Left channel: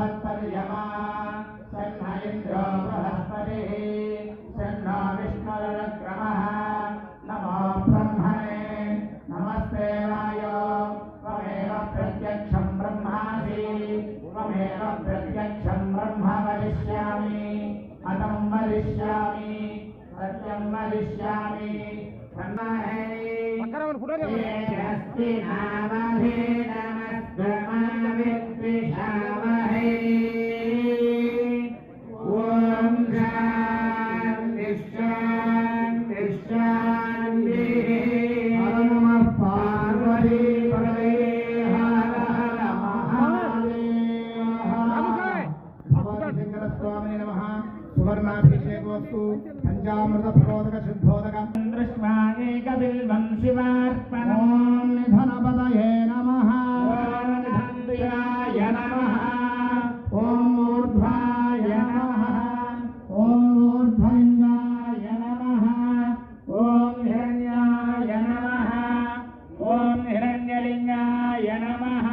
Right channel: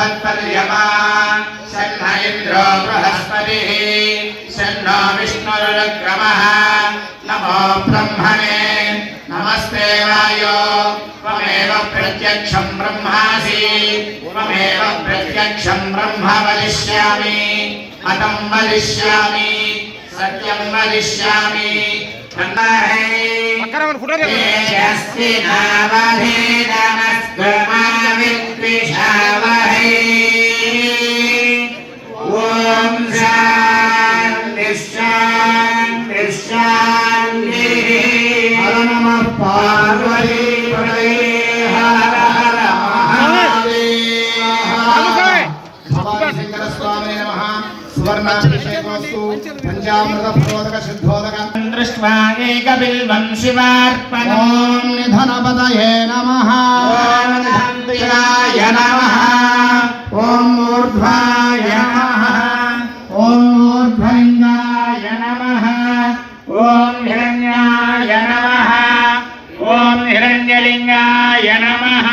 भगवत्पर्यमा शन्न इन्द्रो बृहस्पतिः शन्नो विष्णुरुक्रमः नमो ब्रह्मणे नमस्ते वायो त्वमेव प्रत्यक्षम् ब्रह्मासि त्वमेव प्रत्यक्षम् ब्रह्म वदिष्यामि मतम् वदिष्यामि सत्यम् वदिष्यामि मकरवन फुटा दे पार्वती प्रणये हर हर भगवान स्वामी नमः। सुवर्णाभिषेकोस्तु पञ्चामृत भगवतक सिद्धोदक दृष्ट्वा एकबिल्वं हिरण्यलिङ्गाय नमः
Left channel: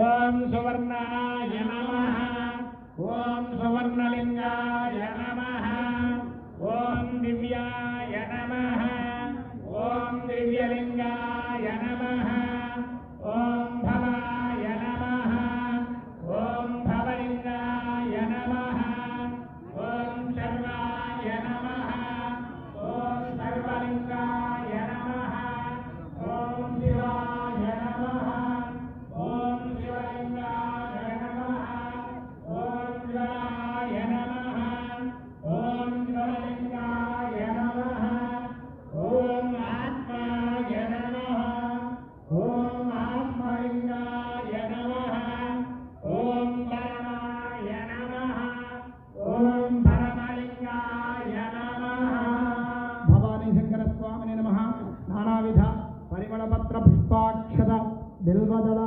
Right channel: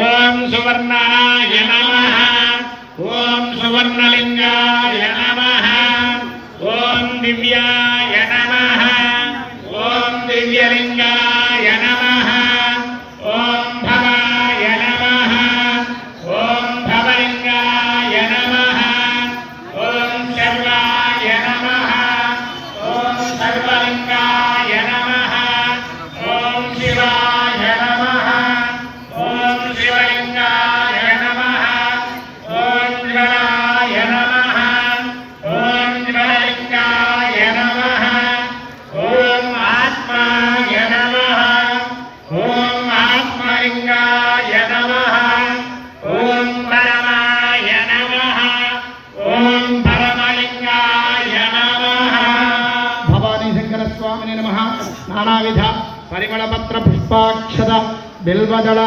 ॐ सुवर्णाय नमः ॐ सुवर्णलिङ्गाय नमः ॐ दिव्याय नमः ॐ दिव्यलिङ्गाय నానావిధ పరిమళపత్ర పుష్పాక్షద బిల్వదళ